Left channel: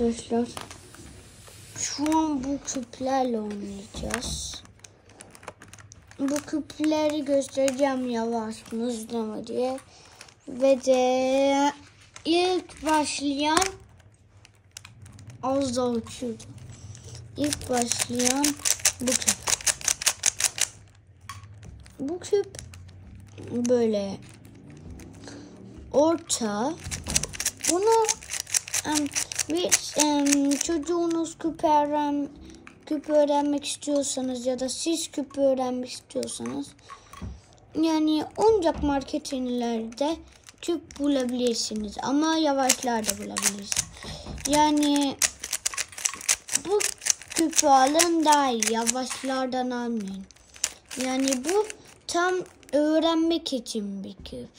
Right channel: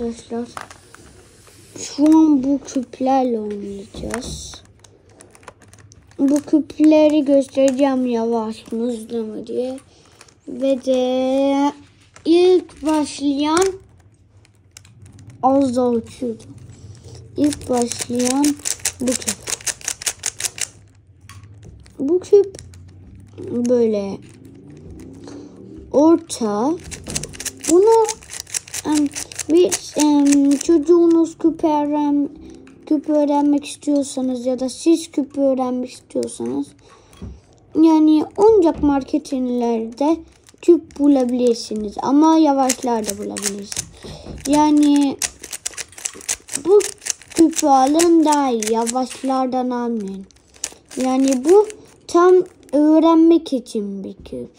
Arkadaşlar şu an bu küplerle oynayacağız. Bu küpleri göstereceğim yavaş mı hızlı mı diye. Ve de ilk başlayan az daha uçuyordu. İlk başlayan bu küp. Bu küp böyle orta. Bunu çocuğunuz küp öğrenmek istiyorsanız ya da siz küp öğrenmek istiyorsanız yani oyuncak marketlerde küp bulabilirsiniz ama yavaşlar da bulabilirsiniz. Yani bu küpü alın daha iyi, yavaşlardan almayın. Yani bu tam öğrenmek için bir küp.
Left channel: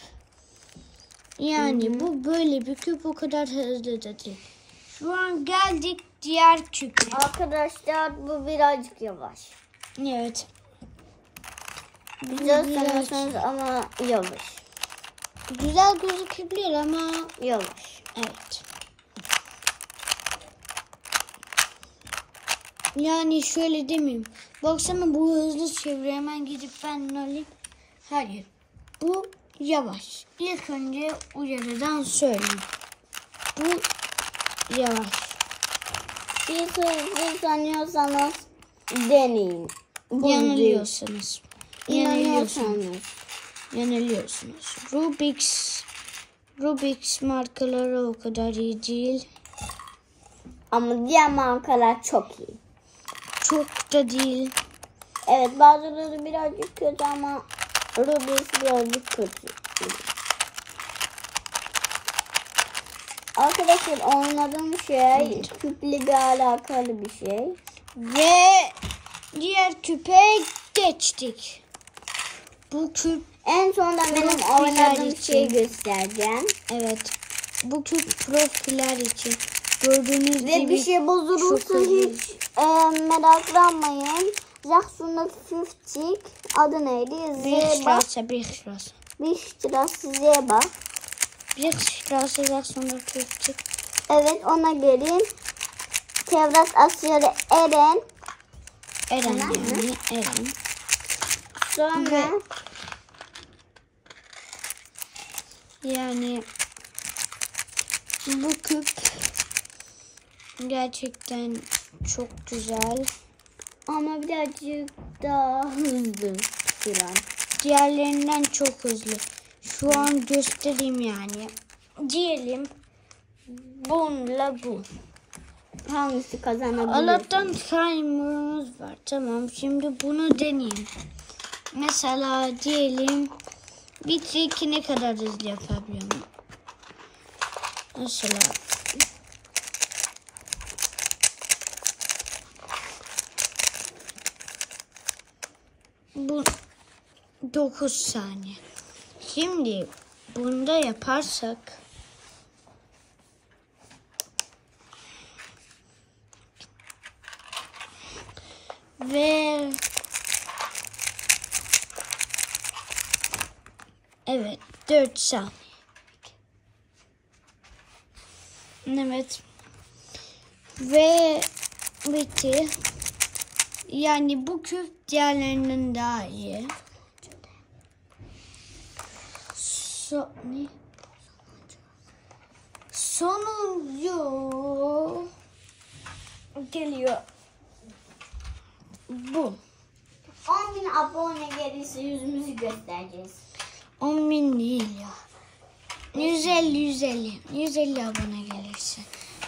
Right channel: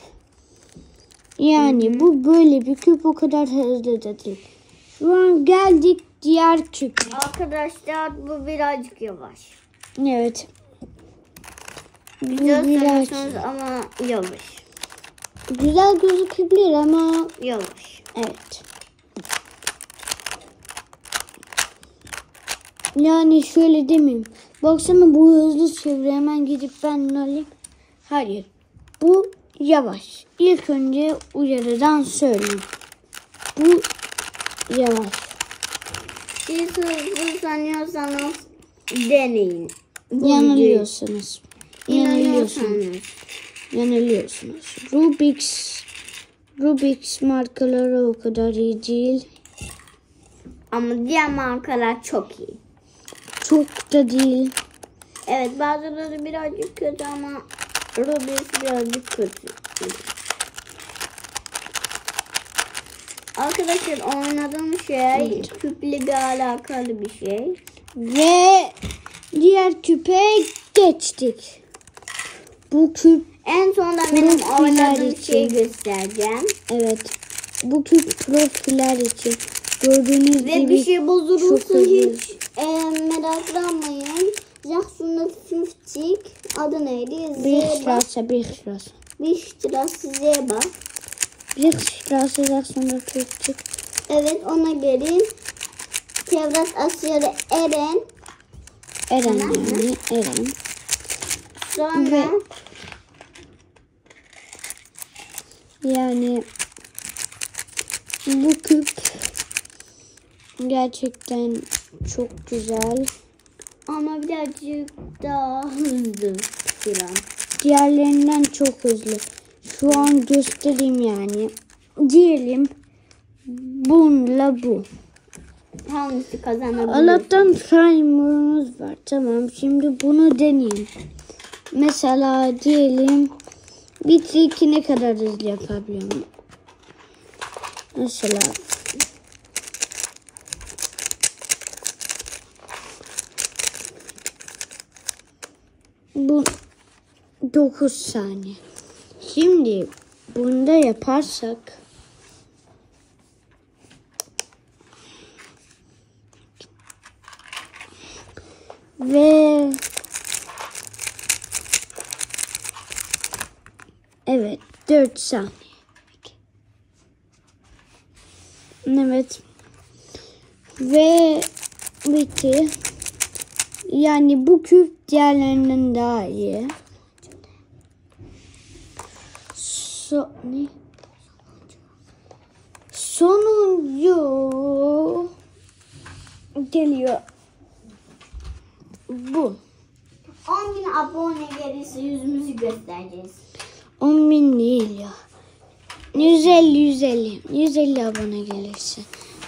Yani bu böyle bir küp, o kadar hızlı da değil. Şu an geldik diğer küp. Arkadaşlar bu birazcık yavaş. Evet. Bu biraz ama yavaş. Güzel gözükebilir ama yavaş. Evet. Yani şöyle demeyeyim. Baksana bu hızlı çeviriyor. Hemen gidip ben alayım. Hayır. Bu yavaş. İlk önce uyarıdan söyleyeyim. Bu yavaş. Siz hızlı sanıyorsanız deneyin. Yanılıyorsunuz. Yanılıyorsunuz. Rubik's markaları o kadar iyi değil. Ama diğer markalar çok iyi. Çok da değil. Evet, bazıları birazcık kötü ama Rubik's birazcık kötü. Arkadaşlar oynadığım şey küple alakalı bir şey. Ve diğer küpe geçtik. Bu küp en sonunda benim oynadığım şeyi göstereceğim. Evet. Bu küp profiler için. Gördüğünüz ve gibi bir şey bozulursa hiç meraklanmayın. Zachsuna 50 adı neydi? Bechstraße. Bechstraße Zeba. Bechstraße Zachsuna 50. Evet, ona gelin. Tevrat Asya'da Eren. Sonra ve yani bu küp gerçekten çok güzel. Ama birazcık daha hızlı. Diğerlerinden çok hızlı. Şu an göstereyim yani. Diyelim bununla bu. Hangisi kazanabilir? Allah'tan timer'ımız var. Tamam, şimdi bunu deneyeyim. Mesela diyelim bir triki ne kadar hızlı yapabiliyorum. Mesela bu 9 saniye. Şimdi bunda yaparsak ve evet 4 saniye. Evet. Ve bitti. Yani bu küp diğerlerinden daha iyi. Sonuncu geliyor. Bu. 10.000 abone gelirse yüzümüzü göstereceğiz. 10.000 değil ya. 150 abone gelirse.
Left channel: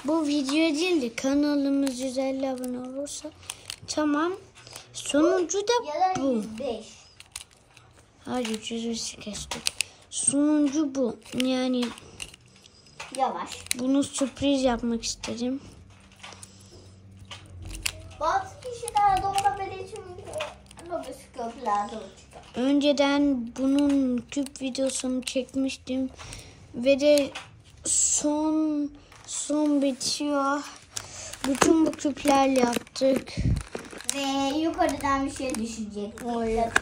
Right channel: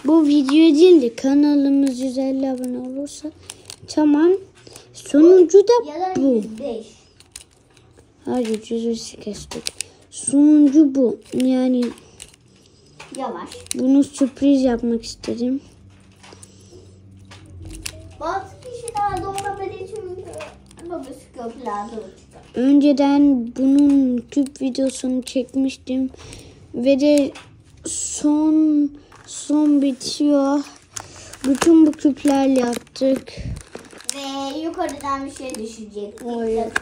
Bu video değil de kanalımız 150 abone olursa tamam. Sonuncu da bu. 105. Hayır, 105 kestik. Sonuncu bu. Yani Yavaş. bunu sürpriz yapmak istedim. Bazı kişiler doğrabilir için Önceden bunun küp videosunu çekmiştim. Ve de son bitiyor. Bütün bu küplerle yaptık. Ve yukarıdan bir şey düşecek. Hayır.